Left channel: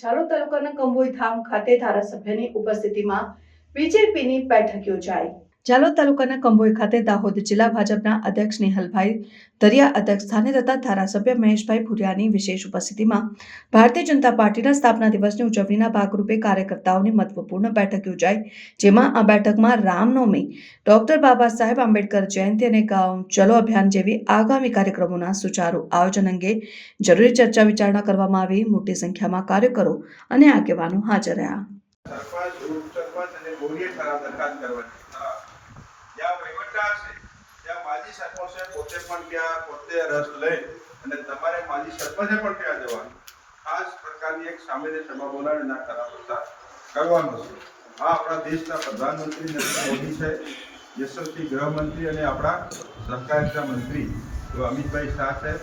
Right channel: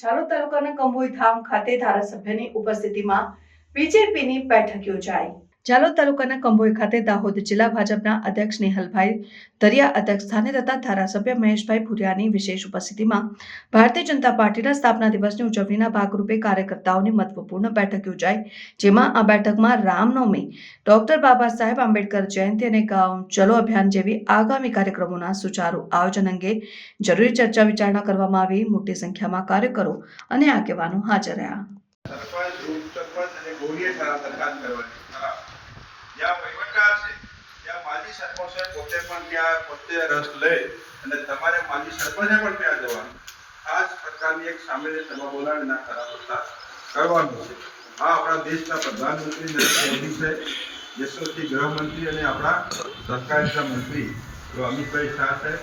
ઝાલોદ તાલુકાના કંભોઈ ધામ ખાતે ધારાસભ્યની ઉપસ્થિતિમાં બીજેપીની બેઠક યોજાઈ। ઝાલોદ તાલુકાના કંભોઈ ખાતે દાહોદ જિલ્લા ભાજપના અધ્યક્ષ નિહલભાઈ દરિયા અધ્યક્ષ સ્થાને તથા ધારાસભ્ય મહેશભાઈ ભુરિયાની વિશેષ ઉપસ્થિતિમાં ભારતીય જનતા પાર્ટીના સ્થાપના દિવસની ઉજવણીના ભાગરૂપે કાર્યકર્તાઓની મહત્વપૂર્ણ બેઠક યોજાઈ, જેમાં આ બેઠકમાં રામનવમી, ડોક્ટર બાબા સાહેબ આંબેડકર જયંતિ અને ગાંવ ચલો અભિયાન જેવી આગામી કાર્યક્રમોના સુચારુ આયોજન અંગે જરૂરી ચર્ચા વિચારણા કરવામાં આવી। મોટી સંખ્યામાં કાર્યકરો અને આગેવાનો હાજર રહ્યા। માજી સરપંચ પોતે પણ ત્યાં પોતે રસ લે અને તમારે માજી સરપંચે પણ ત્યાં જવાનું ખાસ પ્રકારની એક સામાન્ય સભા બોલાવીને ઠરાવ પસાર કરવાનો છે। આ આપણા દેશના પ્રધાનમંત્રી નરેન્દ્ર મોદી છે, યશસ્વી ગૃહમંત્રી અને આપણા સહકારિતા મંત્રી અમિતભાઈ શાહ સાહેબ,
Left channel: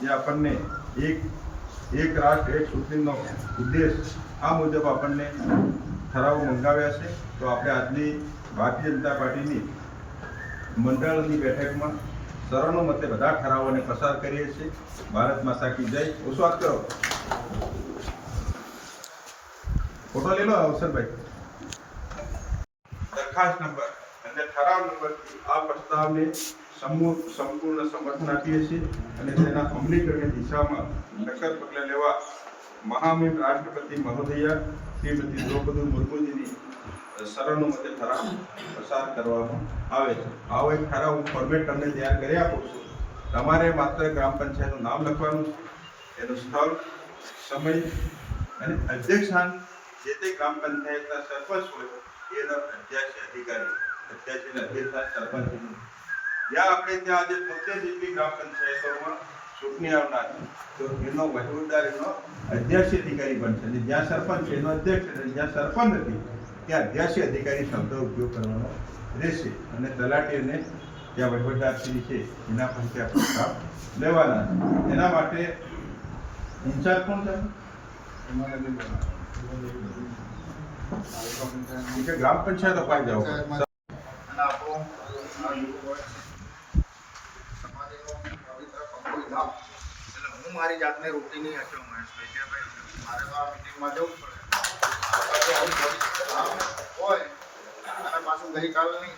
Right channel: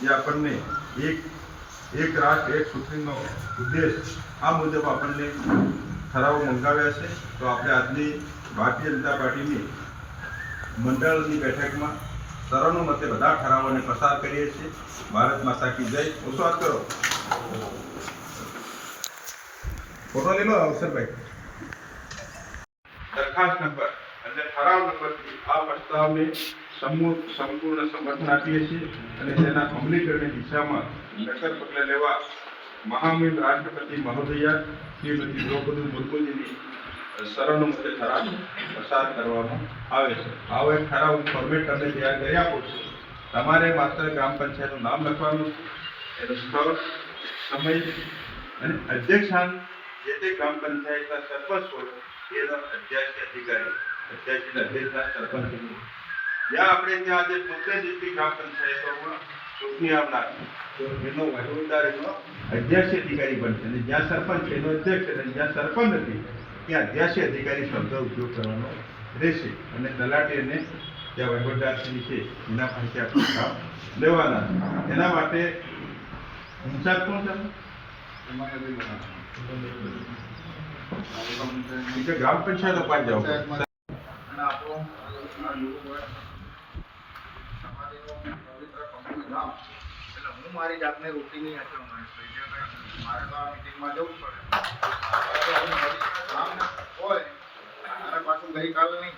જે આપણને એક રાષ્ટ્ર એક સૂત્રનો ઉદ્દેશ આ મુજબ આપણને ઠરાવો મંગાવ્યા છે। તો આપણે આજની ભારતીય જનતા પાર્ટીની મંડળની બેઠકમાં સર્વાનુમતે બધા ઠરાવોને પસાર કરીએ છીએ। ભારત માતા કી જય। વિશ્વાસ કરો, ફોટો લઈ લો અવસરભાઈ। દરખાસ્ત નંબર અને ઠરાવ નંબરથી આ પ્રસ્તાવને સંપૂર્ણ સમર્થન આપીએ છીએ અને તેના અમલીકરણની દિશામાં નક્કર પગલાં લેવા મહામહિમ રાષ્ટ્રપતિ મહોદયા શ્રીમતી દ્રૌપદી મુર્મુજીની સર્વાનુમતે ઠરાવ પસાર કરવામાં આવે છે। આવો એક ઠરાવ હું ફોર્મેટ તમને તૈયાર કરી આપું છું। તમારે માત્ર ગ્રામ પંચાયતનું નામ લખવાનું, એનું સ્થળ, સમય અને અધ્યક્ષાન જે તે ગ્રામ પંચાયતના સરપંચ હોય એનો અધ્યક્ષ અધિકારી, અધ્યક્ષના અધ્યક્ષ સરપંચ, જ્યાં આપણે ત્યાં આજે 70 જેટલી ગ્રામ પંચાયતોમાં ચૂંટણી આવનાર તો એનો વહીવટદાર એનો અધ્યક્ષ અધિકારી બનશે અને જ્યાં સરપંચ એનો અધ્યક્ષ અને જ્યાં સરપંચ નથી ત્યાં અધ્યક્ષ અધિકારી શબ્દ ઉપયોગ કરવાનો રહેશે અને તલાટીને ત્યાં વહીવટદારશ્રી છે એના પાસે આપણે લેવાના છે। એના માટે ઇન્ચાર્જ કોણ છે? ગ્રામ પંચાયત અપાઈ જાઓ। હું મારી જાતને રોકી નહીં હતો મહેશભાઈ કે ભાઈ મારે તો આ મિટિંગમાં જવું પડે હોય અને પાછું ગઈકાલની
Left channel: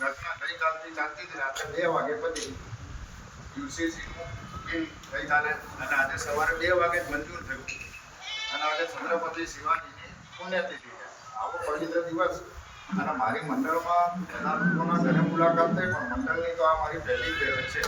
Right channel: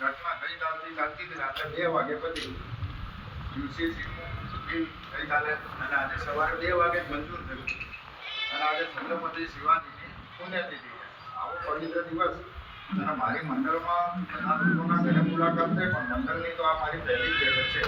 ઘટના ગઈકાલથી ચાલતી હતી, રાત્રે 2 વાગે પછી યુસીસીનું બિલ ગઈકાલે અને આજે સવારે 2 વાગે જ મંજૂર થયું અને આજે છત્રપતિ શિવાજીની પુણ્યતિથિ છે। આવો પવિત્ર દિવસ અને મારી મંડળમાં બધા લોકોના ઘરે મુલાકાત થઈ પણ મંડળની તો આ મારી પહેલી બેઠક છે।